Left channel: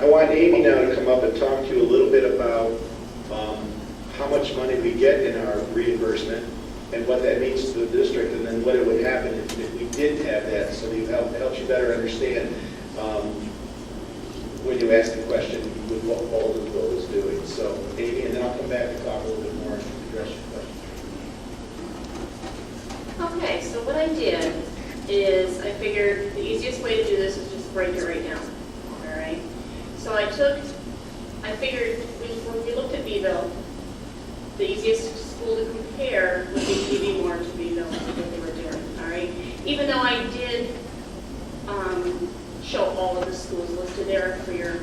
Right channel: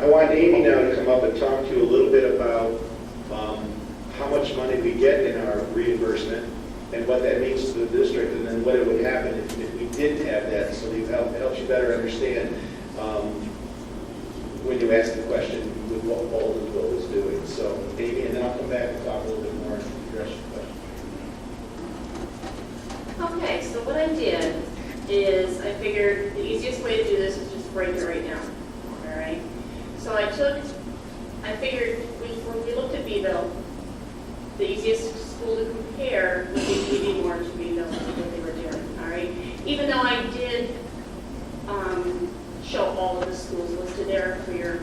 I want Amy now to come up and talk to you a little bit about how much money we get in our reimbursement and what that means to the district, and then what it would happen if we didn't have that, so it helps you better understand when you ask the question with what Waldenville is doing. So Amy, and then I'll come back and talk a little bit more and address your question. Okay, so what I did is I figured the easiest way to do this is just break it right down. All right. So I figured when we looked at Beeville, the easiest school to compare would be PV Moore to Beeville and what they were doing. All right. Even though I did show all of the schools listed there for your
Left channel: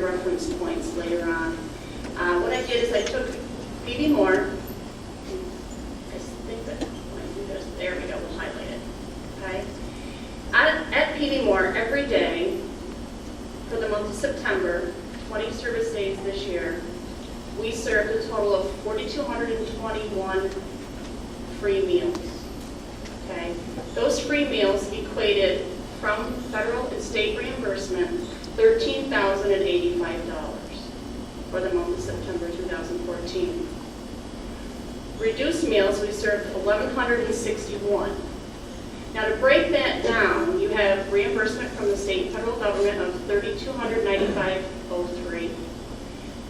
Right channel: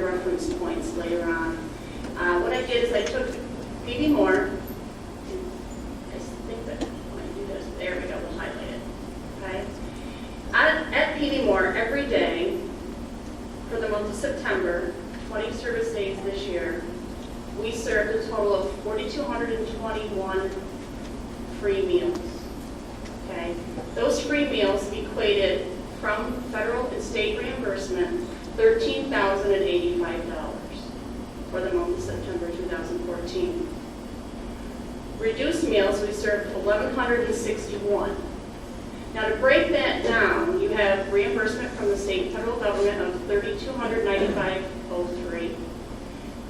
reference points later on. What I did is I took PV Moore. I think that when I do this, there we go. We'll highlight it. Okay. At PV Moore, every day for the month of September, 20 service days this year, we served a total of 4,221 free meals. Okay. Those free meals equated from federal and state reimbursement $13,085 for the month of September 2014. Reduced meals, we served 1,161. Now to break that down, you have reimbursement from the state and federal government of $3,295.03,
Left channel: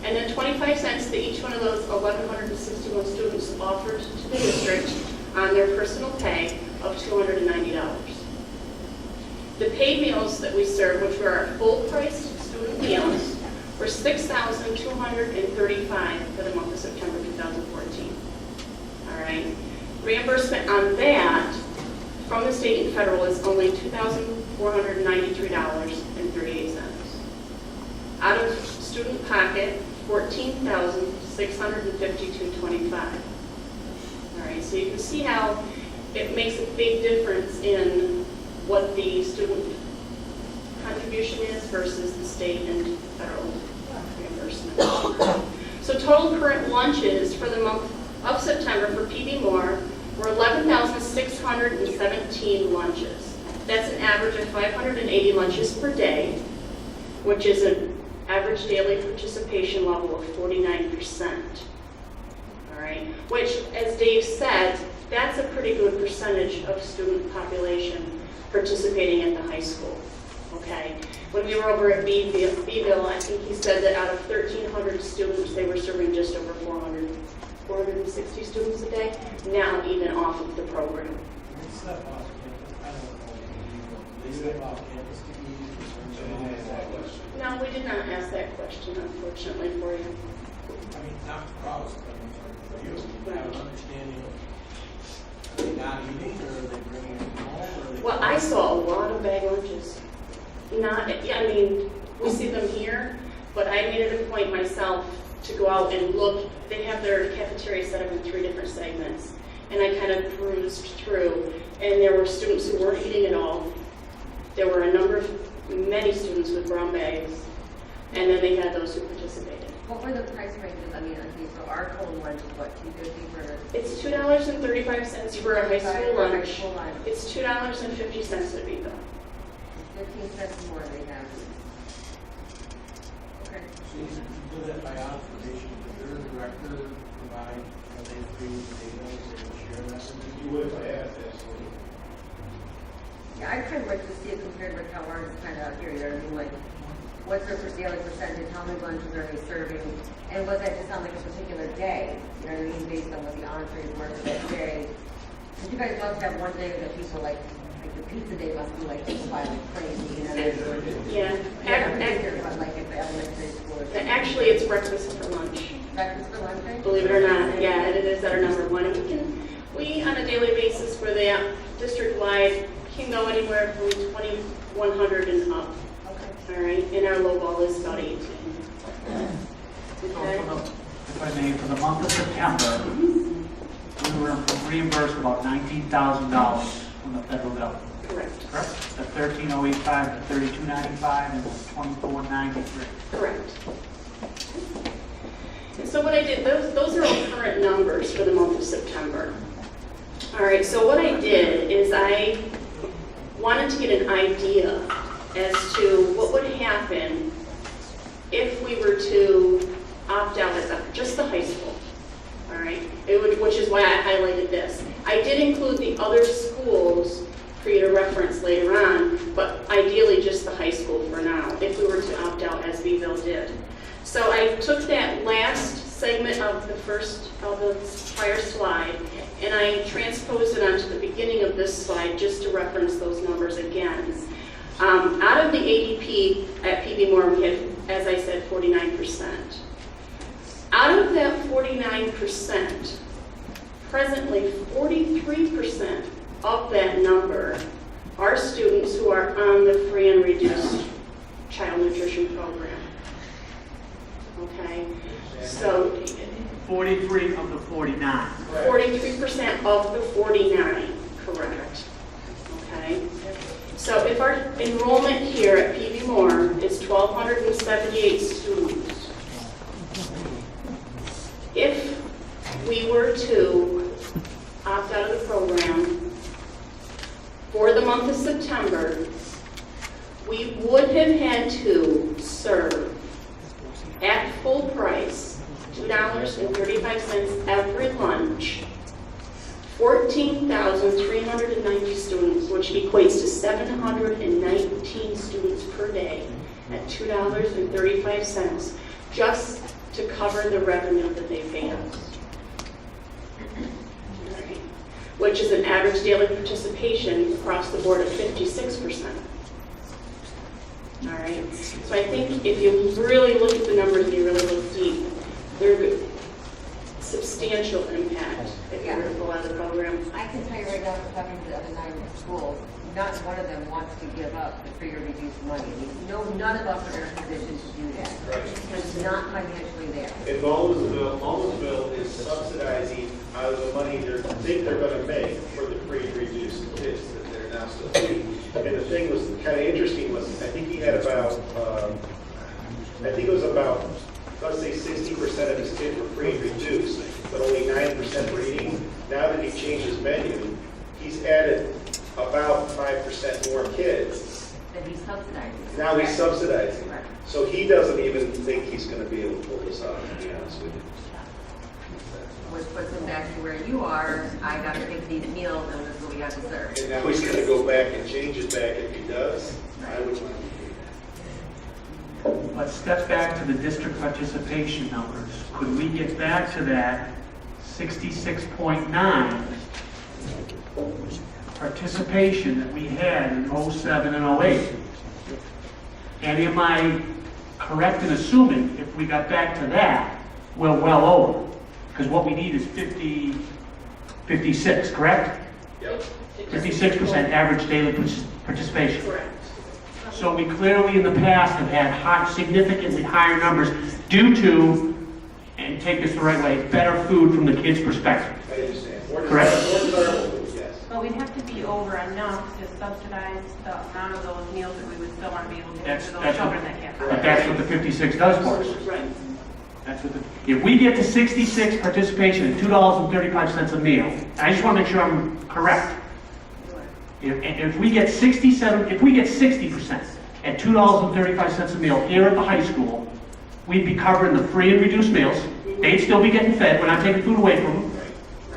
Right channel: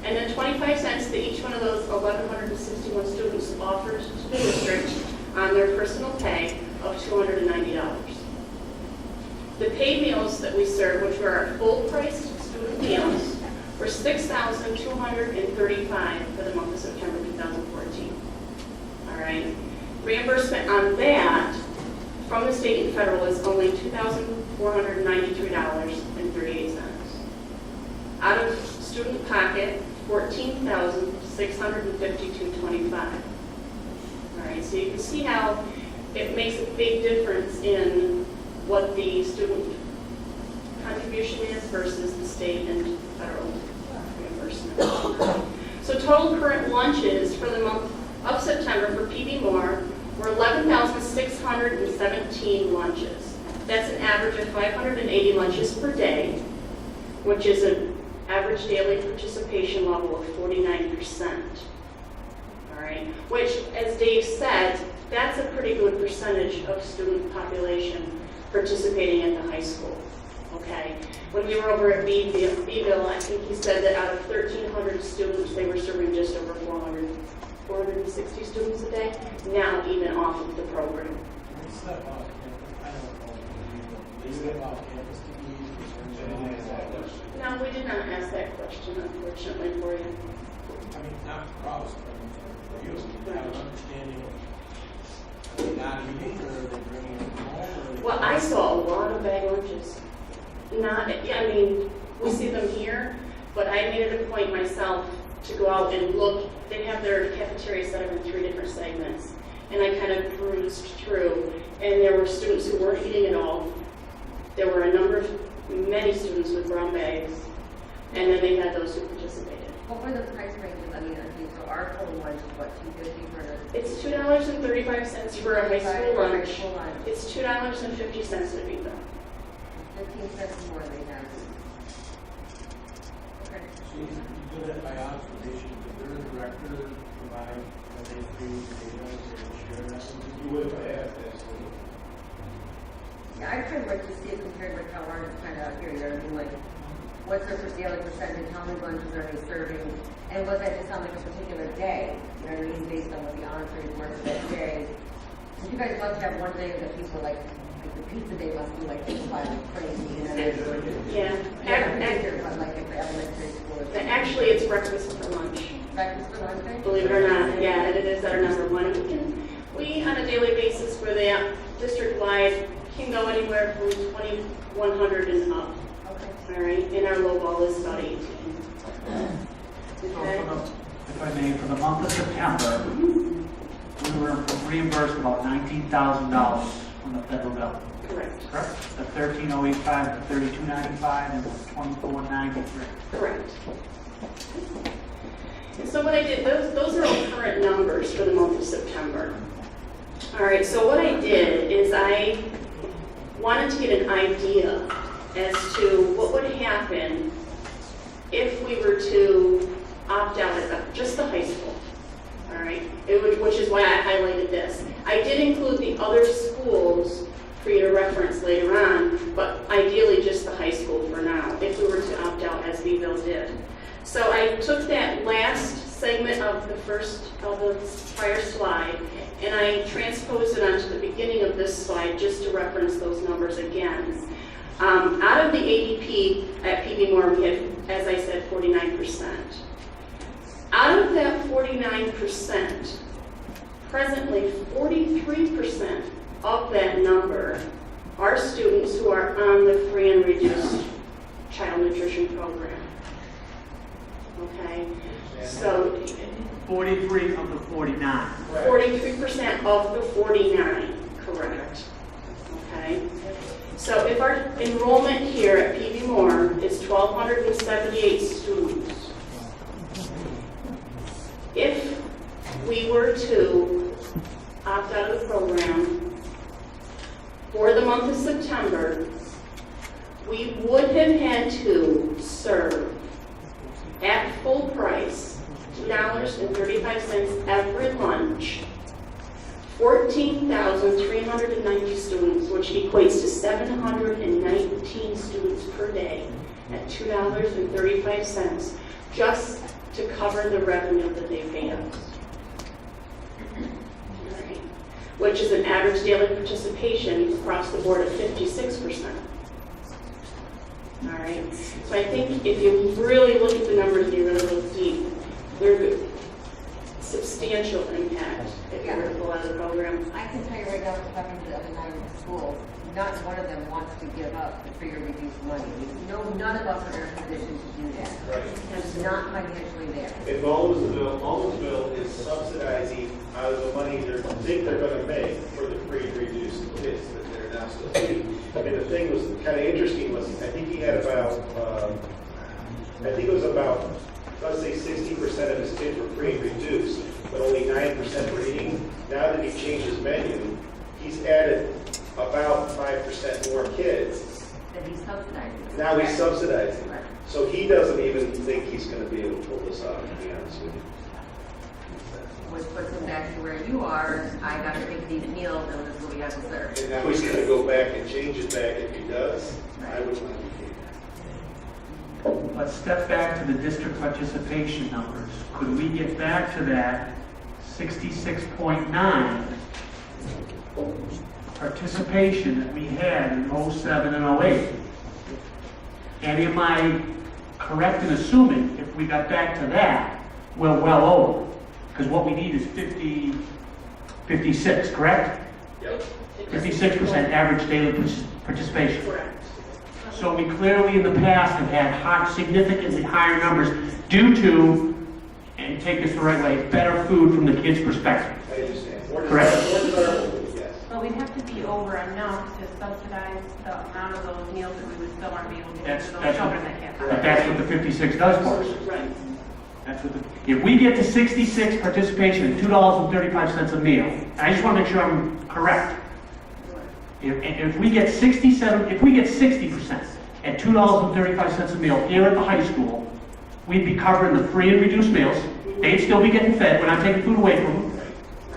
and then 25 cents to each one of those 1,161 students offered to the district on their personal pay of $290. The paid meals that we served, which were our full-priced student meals, were $6,235 for the month of September 2014. All right. Reimbursement on that from the state and federal is only $2,493.38. Out of student pocket, $14,652.25. All right. So you can see how it makes a big difference in what the student contribution is versus the state and federal reimbursement. So total current lunches for the month of September for PV Moore were 11,617 lunches. That's an average of 580 lunches per day, which is an average daily participation level of 49%. All right, which, as Dave said, that's a pretty good percentage of student population participating at the high school. Okay. When we were over at Beeville, I think he said that out of 1,300 students, they were serving just over 460 students a day, now even off of the program. They step off campus. I don't know. They step off campus to eat. No, we did not ask that question, unfortunately, for you. I mean, not for us, but for you. I have an understanding of, are they not eating, or are they bringing it home, or are they? Well, I saw a lot of bag lunches. Not, yeah, I mean, we see them here, but I made it a point myself to go out and look. They have their cafeteria set up in 3 different segments, and I kind of perused through, and there were students who weren't eating at all. There were many students with brown bags, and then they had those who participated. What were the price ranges? I mean, okay, so our total lunch is what, $2.50 for the? It's $2.35 for a high school lunch. Full lunch. It's $2.50 at Beeville. 15 cents more they have. Okay. So you do that by observation. Did their director provide, are they free data, they share that? You would if I asked, absolutely. Yeah, I'd kind of like to see it compared with how ours is kind of out here. You know what I mean? Like, what's their daily percentage? How many lunches are they serving? And was that just on like a particular day? You know what I mean? Based on what the entrees were for that day. Because you guys love to have one day that people like the pizza day must be like people buy like crazy. You know what I mean? Yeah. But like at the elementary school. or something. Actually, it's breakfast for lunch. Breakfast for lunch day? Believe it or not, yeah, it is our number one. We on a daily basis for the district-wide can go anywhere from 2,100 and up. Okay. All right, and our low ball is about 18. Okay. If I may, for the month of September, we were reimbursed about $19,000 from the federal government. Correct. Correct? The 13,085 to 3295 and the 2493. Correct. And so what I did, those are all current numbers for the month of September. All right, so what I did is I wanted to get an idea as to what would happen if we were to opt out as just the high school, all right? Which is why I highlighted this. I did include the other schools for you to reference later on, but ideally just the high school for now, if we were to opt out as Beeville did. So I took that last segment of the prior slide, and I transposed it onto the beginning of this slide just to reference those numbers again. Out of the ADP at PB Moore, we had, as I said, 49%. Out of that 49%, presently 43% of that number are students who are on the free and reduced child nutrition program. Okay, so 43 of the 49. 43% of the 49, correct. Okay, so if our enrollment here at PB Moore is 1,278 students, if we were to opt out of the program for the month of September, we would have had to serve at full price, $2.35 every lunch, 14,390 students, which equates to 719 students per day at $2.35, just to cover the revenue that they pay us. All right. Which is an average daily participation across the board of 56%. All right, so I think if you really look at the numbers and you really look deep, they're substantial impact if you were to pull out of the program. I can tell you right now, from talking to the other 9 schools, not one of them wants to give up the free or reduced money. I mean, no, none of us are in a position to do that. It's not financially there. And Mallsville is subsidizing out of the money they think they're gonna make for the free and reduced kids that they're now still getting. And the thing was kind of interesting was, I think he had about, let's say 60% of his kids were free and reduced, but only 9% were eating. Now that he changed his menu, he's added about 5% more kids. That he's subsidizing. Now he's subsidizing. Right. So he doesn't even think he's gonna be able to pull this off, to be honest with you. Which puts him back to where you are. I got to make these meals, and this is what we got to serve. And now he's gonna go back and change his bag if he does. I would want to do Let's step back to the district participation numbers. Could we get back to that 66.9 participation that we had in 07 and 08? And am I correct in assuming if we got back to that, we're well over? Because what we need is 56, correct? Yep. 56% average daily participation. Correct. So we clearly in the past have had significantly higher numbers due to, and take this the right way, better food from the kids' perspective. I understand. Correct. Yes. But we'd have to be over enough to subsidize the amount of those meals that we would still want to be able to give to those children that can't. But that's what the 56 does for us. Right. That's what if we get to 66 participation at $2.35 a meal, and I just want to make sure I'm correct. If we get 60% at $2.35 a meal here at the high school, we'd be covering the free and reduced meals. They'd still be getting fed. We're not taking food away from them.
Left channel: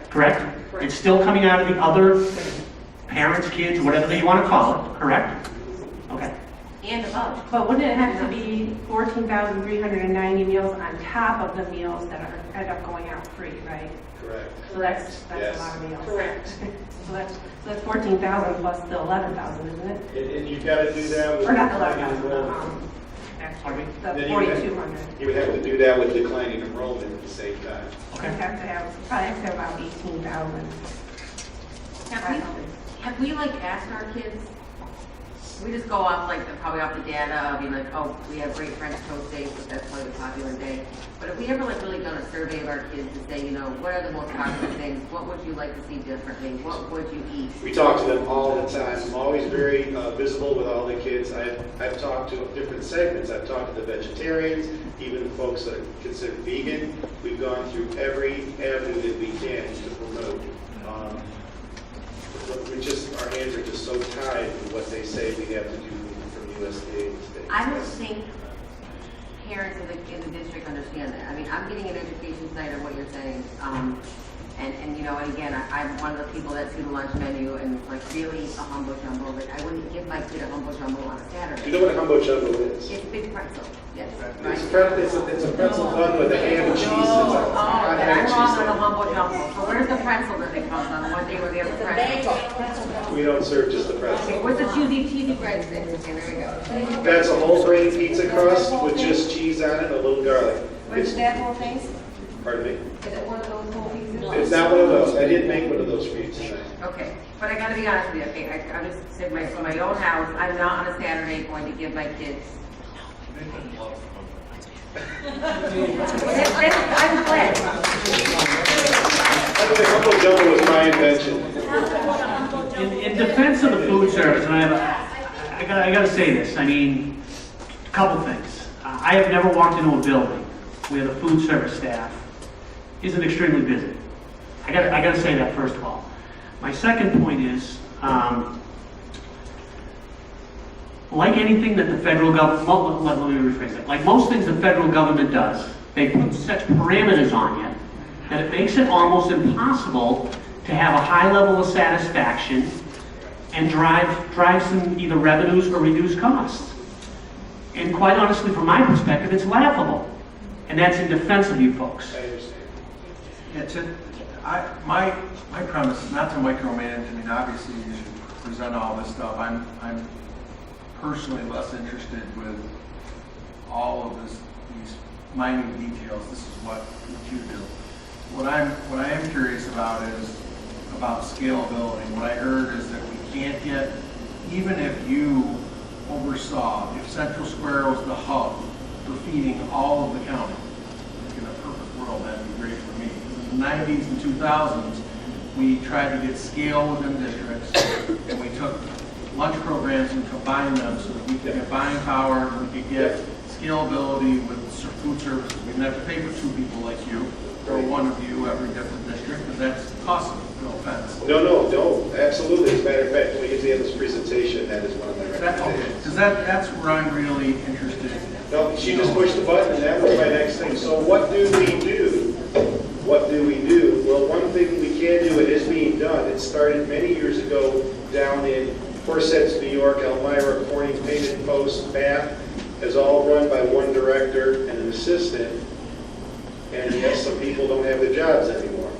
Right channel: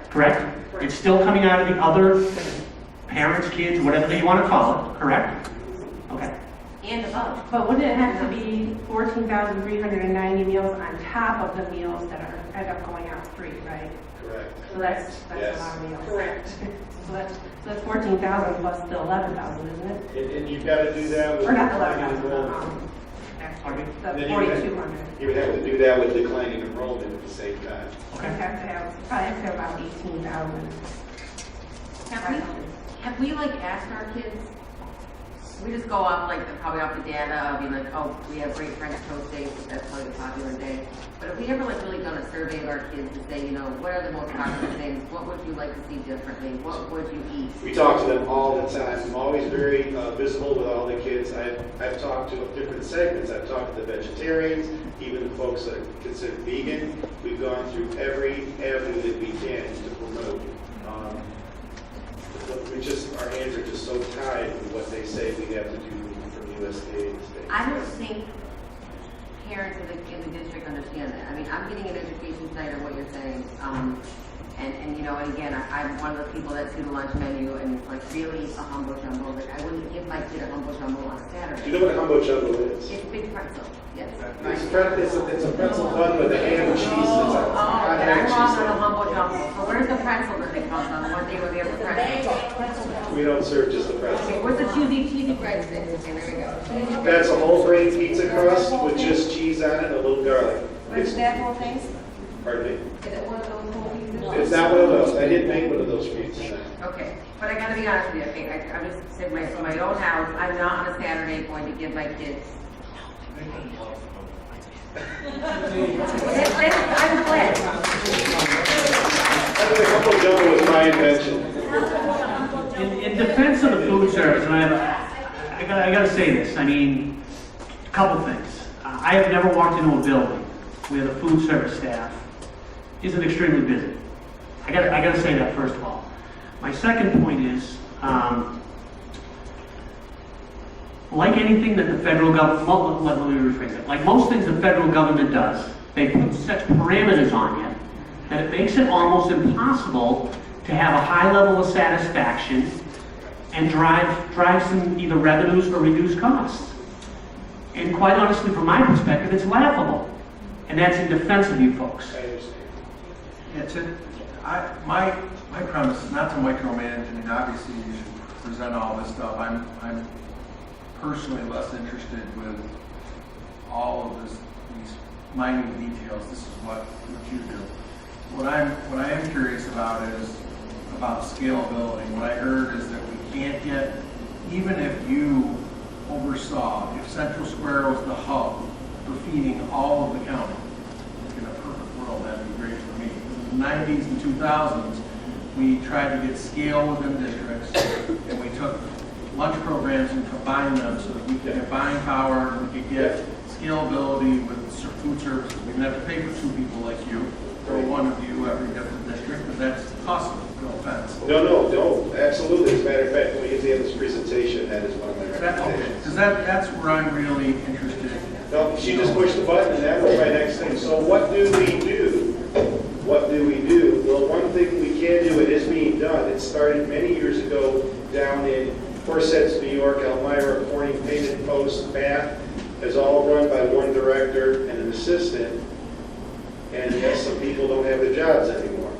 Correct? It's still coming out of the other parents, kids, whatever you want to call it. Correct? Okay. And above. But wouldn't it have to be 14,390 meals on top of the meals that end up going out free, right? Correct. So that's Yes. a lot of meals. Correct. So that's 14,000 plus the 11,000, isn't it? And you've got to do that with. Or not the declining 11,000, enrollment. Pardon me? the Then you would have- 4,200. You would have to do that with declining enrollment at the same time. Okay. We'd have to have, probably have to have about 18,000. Have we like asked our kids? We just go off probably off the data of being like, oh, we have great French toast days, but that's probably a popular day. But have we ever really done a survey of our kids to say, what are the most popular things? What would you like to see differently? What would you eat? We talk to them all the time. I'm always very visible with all the kids. I've talked to different segments. I've talked to the vegetarians, even the folks that are considered vegan. We've gone through every avenue that we can to promote. Our hands are just so tied with what they say we have to do from USDA and state. I don't think parents in the district understand that. I mean, I'm getting an education tonight on what you're saying. And you know, and again, I'm one of the people that see the lunch menu and it's like really a humbo jumbo. Like I wouldn't give my kid a humbo jumbo on a Do Saturday. you know what a humbo jumbo is? It's a big pretzel, yes. It's a pretzel bun with a ham and cheese. Oh, then I'm wrong on the humbo jumbo. So where's the pretzel that they come on the one day where they have the pretzel? We don't serve just the Okay, pretzel. where's the cheesy breadsticks? Okay, there we go. That's a whole grain pizza crust with just cheese on it and a little garlic. Where's that whole thing? Pardon me? Is it one of those whole pieces? It's not one of those. I didn't make one of those for you tonight. Okay, but I gotta be honest with you, okay, I just said my own house, I'm not on a Saturday going to give my kids. I'm glad. I think the humbo jumbo was my invention. In defense of the food service, and I gotta say this, I mean, a couple things. I have never walked into a building where the food service staff isn't extremely busy. I gotta say that first of all. My second point is, like anything that the federal government, let me rephrase it, like most things the federal government does, they put such parameters on you that it makes it almost impossible to have a high level of satisfaction and drive some either revenues or reduce costs. And quite honestly, from my perspective, it's laughable. And that's in defense of you folks. I understand. My premise is not to micromanage. I mean, obviously you should present all this stuff. I'm personally less interested with all of these minute details. This is what you do. What I am curious about is about scalability. What I heard is that we can't get, even if you oversaw, if Central Square was the hub for feeding all of the county, in a perfect world, that'd be great for me. In the 90s and 2000s, we tried to get scale within districts, and we took lunch programs and combined them so that we could get buying power, and we could get scalability with food services. We didn't have to pay for two people like you, or one of you every different district, but that's costly, no offense. No, absolutely. As a matter of fact, when we get to the end of this presentation, that is one of my recommendations. Because that's where I'm really interested in. No, she just pushed the button, and that was my next thing. So what do we do? What do we do? Well, one thing we can do, it is being done. It started many years ago down in Forsyth, New York, Elmira, Corning, Painted Post, Bath, is all run by one director and an assistant. And yes, some people don't have their jobs anymore.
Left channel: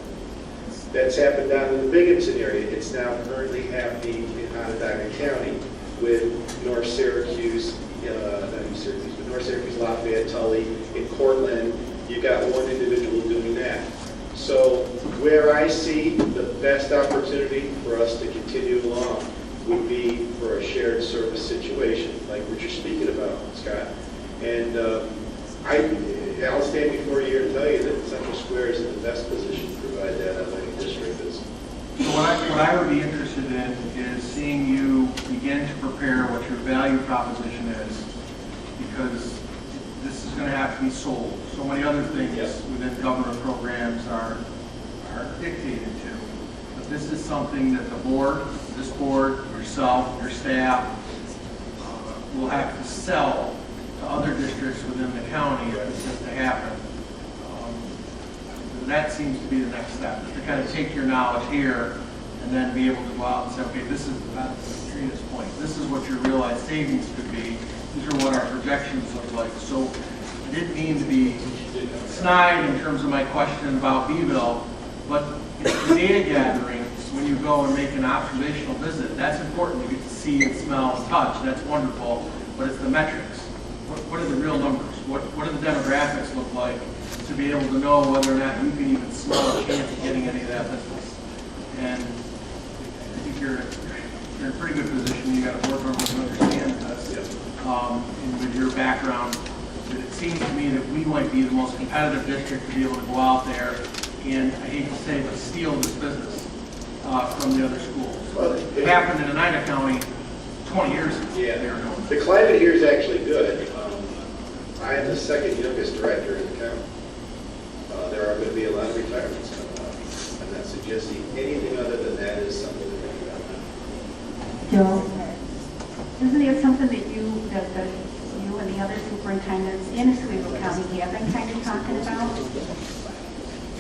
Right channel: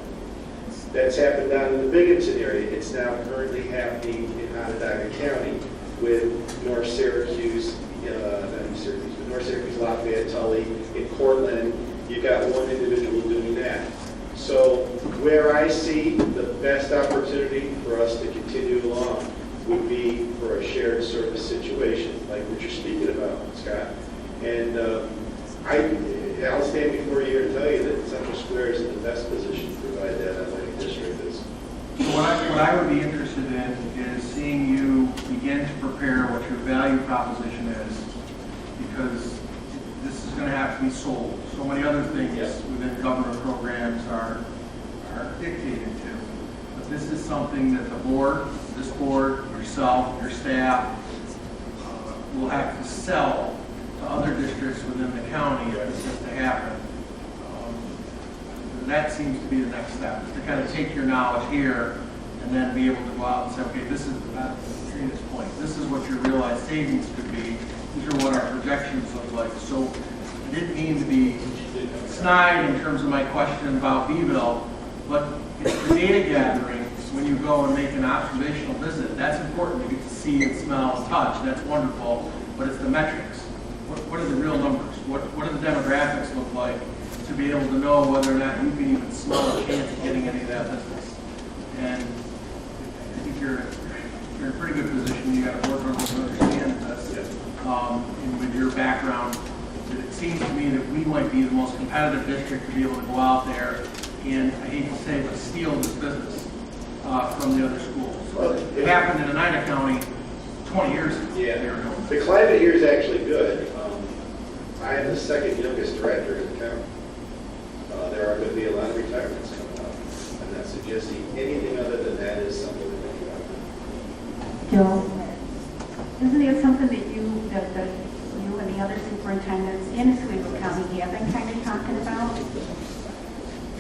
That's happened down in the Binghamton area. It's now currently happening in Onondaga County with North Syracuse, North Syracuse, Lafayette, Tully, in Cortland. You've got one individual doing that. So where I see the best opportunity for us to continue along would be for a shared service situation, like what you're speaking about, Scott. And I'll stand before you here and tell you that Central Square is in the best position to provide that athletic district. So what I would be interested in is seeing you begin to prepare what your value proposition is, because this is going to have to be sold. So many other things within government programs are dictated to. But this is something that the board, this board, yourself, your staff, will have to sell to other districts within the county if this is to happen. That seems to be the next step, is to kind of take your knowledge here and then be able to go out and say, okay, this is Trina's point. This is what your realized savings could be. These are what our projections look like. So I didn't mean to be snide in terms of my question about Beeville, but it's the data gathering when you go and make an observational visit. That's important. You get to see and smell and touch. That's wonderful. But it's the metrics. What are the real numbers? What do the demographics look like to be able to know whether or not you can even smell a chance of getting any of that business? And I think you're in a pretty good position. You got a board member who understands this. And with your background, it seems to me that we might be the most competitive district to be able to go out there and, I hate to say it, but steal this business from the other schools. Well, It happened in Oneida County 20 years ago. Yeah. They were doing it. The climate here is actually good. I am the second youngest director in the county. There are going to be a lot of retirements coming up. I'm not suggesting anything other than that is something to think about. Joe, isn't there something that you you and the other superintendents in Oswego County have been kind of talking about?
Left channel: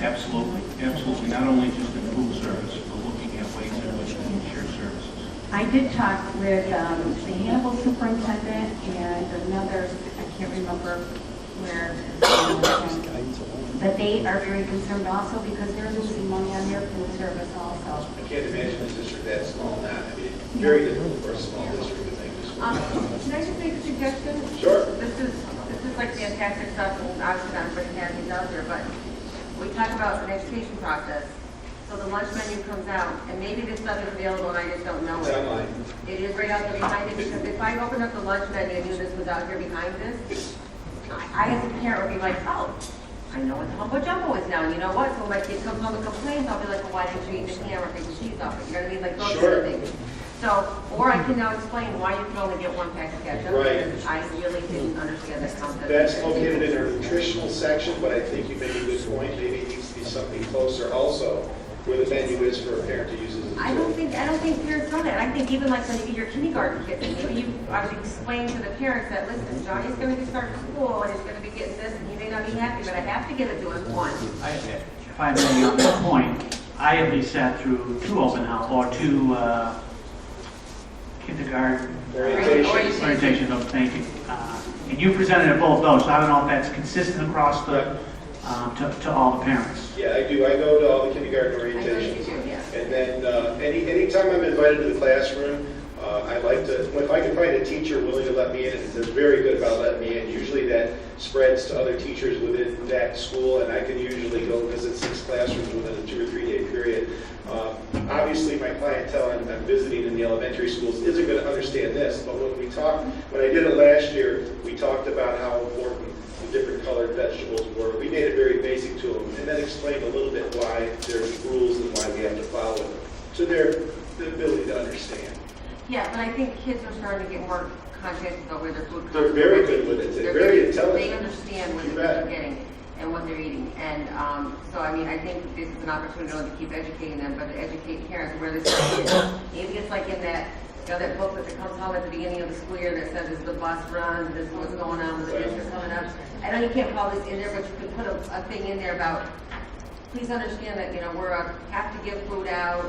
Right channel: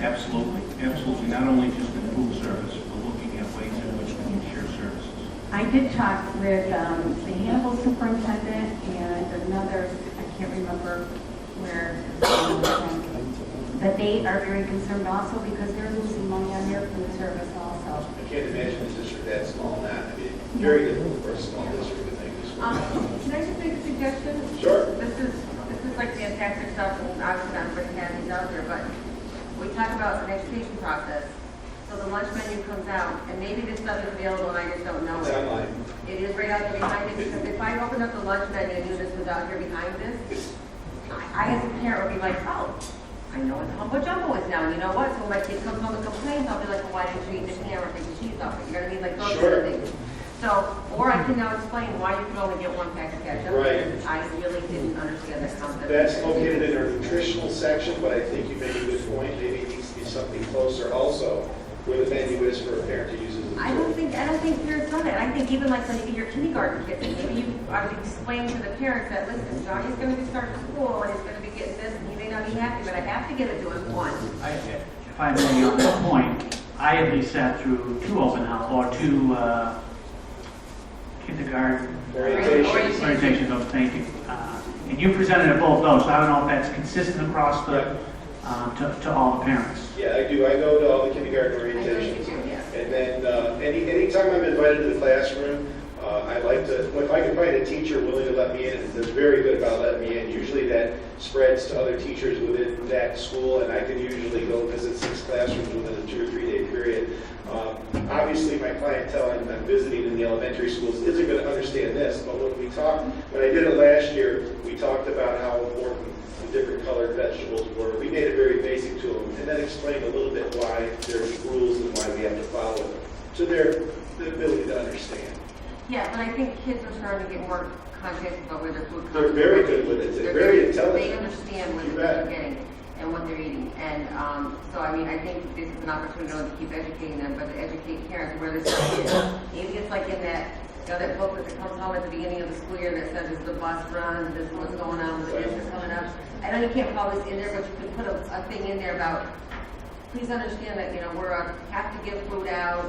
Absolutely, absolutely. Not only just in food service, but looking at ways in which we can share services. I did talk with the Hannibal superintendent and another, I can't remember where, that they are very concerned also because they're losing money on their food service also. I can't imagine a district that small now. I mean, very difficult for a small district to make this work. Can I just make a suggestion? Sure. This is like fantastic stuff, and obviously not everybody has these out there, but we talk about an education process. So the lunch menu comes out, and maybe this stuff is available and I just don't know It's it. online. It is right out there behind it, because if I opened up the lunch menu and knew this was out here behind this, I as a parent would be like, oh, I know what the humble jumbo is now, and you know what? So when my kid comes home and complains, I'll be like, well, why didn't you eat the ham or take the cheese off it? You know what I mean? Like those Sure. sort of things. So, or I can now explain why you can only get one pack of ketchup. Right. because I really didn't understand that concept. That's located in our nutritional section, but I think you make a good point. Maybe it needs to be something closer also, where the menu is for a parent to use as a I don't tool. think parents know that. I think even like when you get your kindergarten kids, maybe you ought to explain to the parents that, listen, Johnny's gonna be starting school and he's gonna be getting this and he may not be happy, but I have to give it to him once. If I may, on that point, I at least sat through two open house, or two kindergarten orientation, thank you. And you presented at both those, so I don't know if that's consistent across the, to all the parents. Yeah, I do. I go to all the kindergarten I know you orientations. do, yeah. And then anytime I'm invited to the classroom, I like to, if I can find a teacher willing to let me in, and they're very good about letting me in, usually that spreads to other teachers within that school, and I can usually go visit 6 classrooms within a 2 or 3 day period. Obviously, my clientele I'm visiting in the elementary schools isn't going to understand this, but when I did it last year, we talked about how important the different colored vegetables were. We made it very basic to them, and then explained a little bit why there's rules and why we have to follow them, to their ability to understand. Yeah, but I think kids are starting to get more conscious about where their food comes from. They're very good with it. They're very intelligent. They understand what You they're bet. getting and what they're eating. And so, I mean, I think this is an opportunity not only to keep educating them, but to educate parents where this is. Maybe it's like in that, you know, that booklet that comes home at the beginning of the school year that says, it's the bus runs, this is what's going on with the district coming up. I know you can't call this in there, but you could put a thing in there about, please understand that, you know, have to give food out.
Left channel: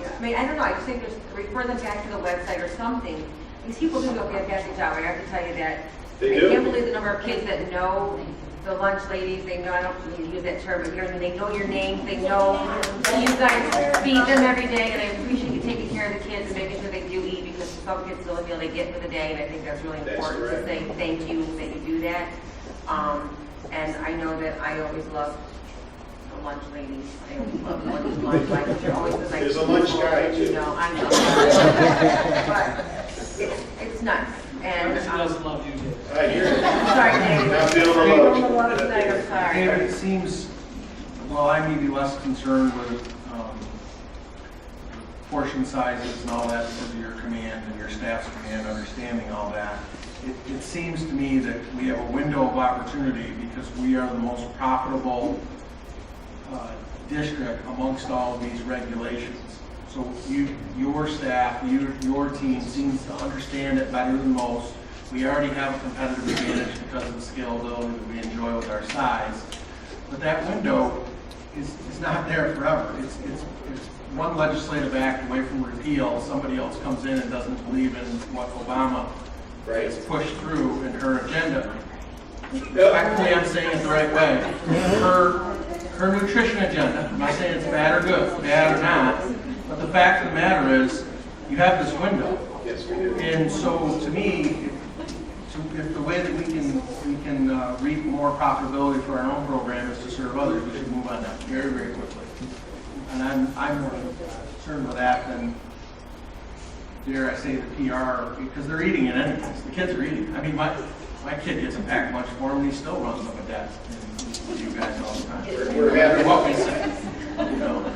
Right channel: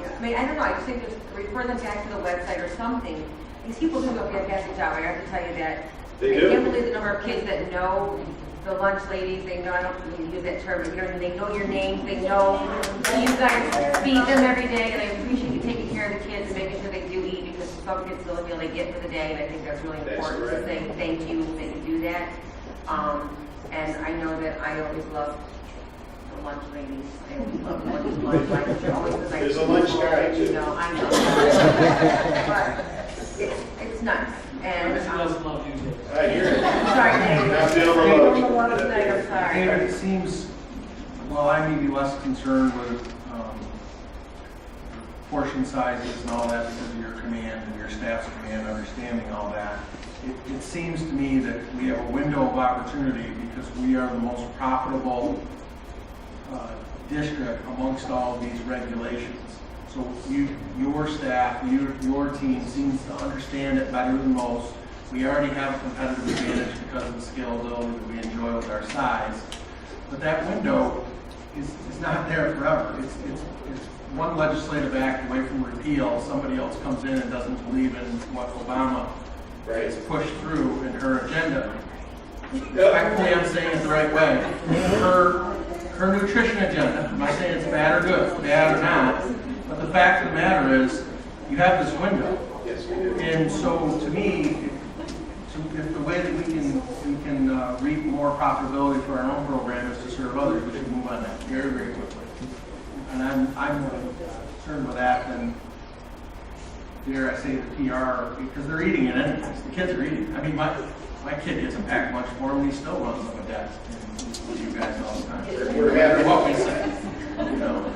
You know, I mean, I don't know, I just think refer them back to the website or something. These people do a fantastic job, I have to tell you that. They I do. can't believe the number of kids that know the lunch ladies, they know, I don't mean to use that term, but you know what I mean, they know your names, they know you guys feed them every day, and I appreciate you taking care of the kids and making sure they do eat, because some kids still feel they get for the day, and I think that's really That's important to correct. say thank you that you do that. And I know that I always love the lunch ladies, I always love the lunch ladies, they're always the nice There's a lunch people, guy, you too. know, I know. But it's nice, and, Everybody else loves you, Dave. I hear it. sorry, Dave. Not feeling I'm alone. a lot tonight, I'm sorry. David, it seems, well, I may be less concerned with portion sizes and all that because of your command and your staff's command, understanding all that. It seems to me that we have a window of opportunity because we are the most profitable district amongst all of these regulations. So your staff, your team seems to understand it better than most. We already have a competitive advantage because of the scalability that we enjoy with our size. But that window is not there forever. It's one legislative act away from repeal. Somebody else comes in and doesn't believe in what Obama Right. has pushed through in her agenda. Respectfully, I'm saying it the right way. Her nutrition agenda, I'm not saying it's bad or good, bad or not, but the fact of the matter is, you have this window. Yes, we do. And so, to me, if the way that we can reap more profitability for our own program is to serve others, we should move on that very, very quickly. And I'm more concerned with that than, dare I say, the PR, because they're eating it anyways. The kids are eating. I mean, my kid gets a packed lunch for him, and he still runs up a desk with you guys all the time. We're No matter happy. what we say, you know.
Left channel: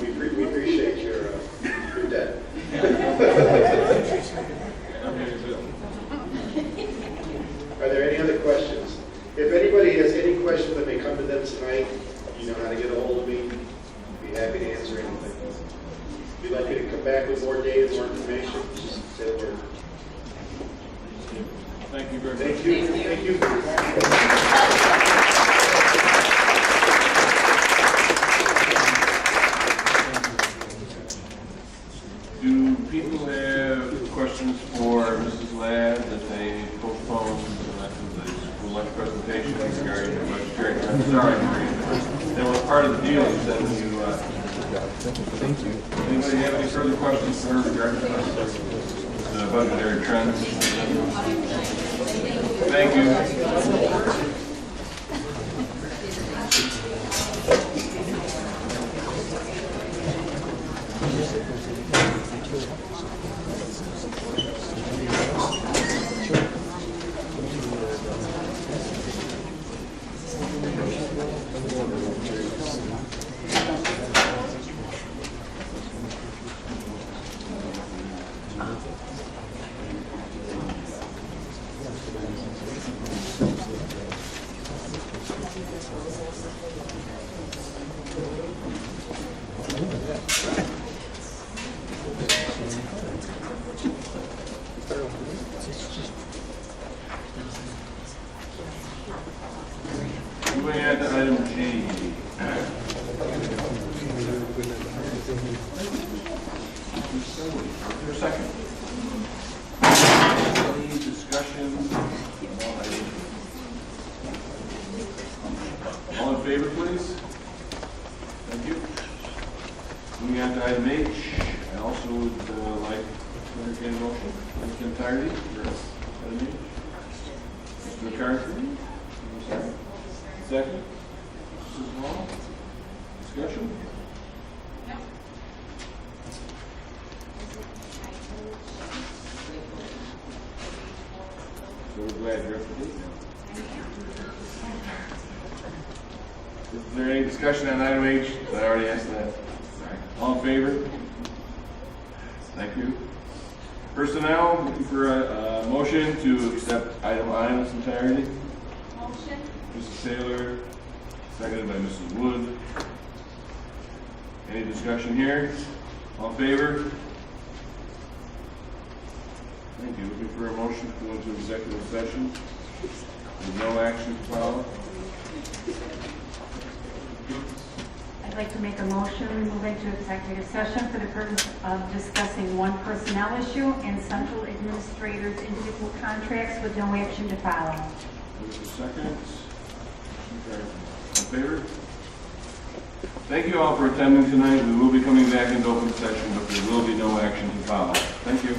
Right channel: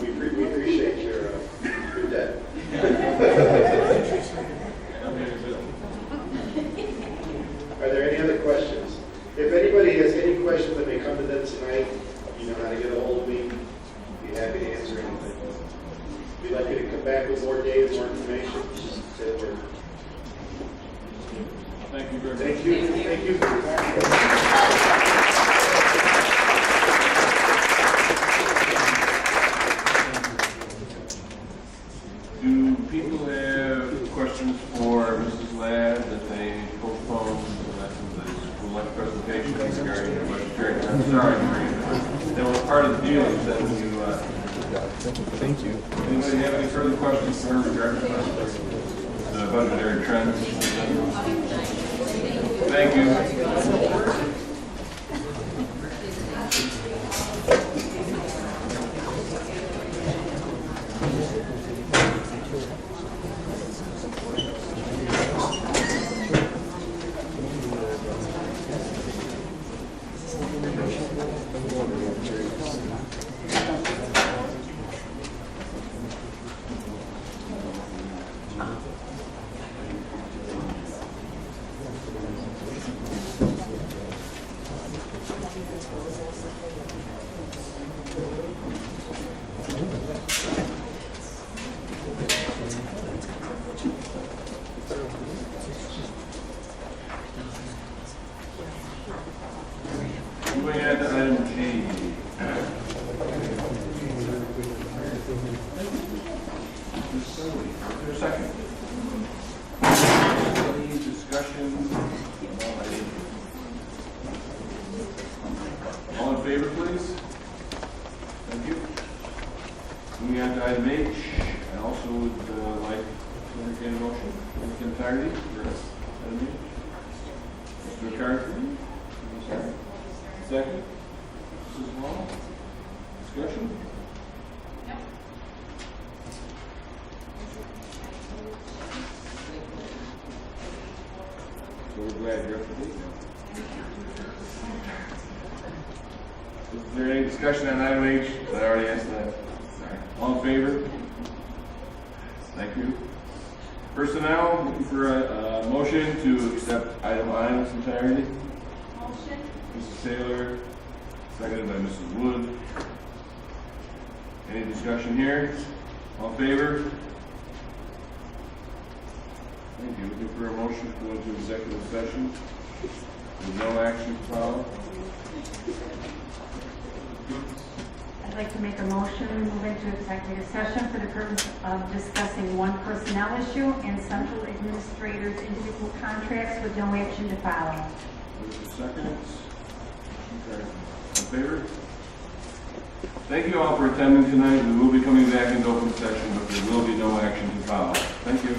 We appreciate your debt. Are there any other questions? If anybody has any questions that may come to them tonight, you know how to get a hold of me. Be happy to answer anything. If you'd like me to come back with more data, more information, just say the word. Thank you very much. Thank you. Thank you. Do people have questions for Mrs. Ladd that they postponed the school lunch presentation regarding the budgetary? I'm sorry, Maureen, that was part of the deal. You said when you, Thank you. anybody have any further questions for her regarding the budgetary trends? Thank you. Moving on to item G. Is there a second? Any discussion? All in favor, please? Thank you. Moving on to item H, I also would like to entertain a motion in its entirety for item H. Mr. McCarthy? Second? Mrs. Wall? Discussion? So we're glad you're up to date now. Is there any discussion on item H? I already asked that. All in favor? Thank you. Personnel, looking for a motion to accept item I in its entirety. Motion? Mrs. Taylor, seconded by Mrs. Wood. Any discussion here? All in favor? Thank you. Looking for a motion to go into executive session with no action to follow. I'd like to make a motion, we move into executive session for the purpose of discussing one personnel issue and central administrators' individual contracts with no action to follow. There's a second. Okay. In favor? Thank you all for attending tonight. We will be coming back into open session, but there will be no action to follow. Thank you.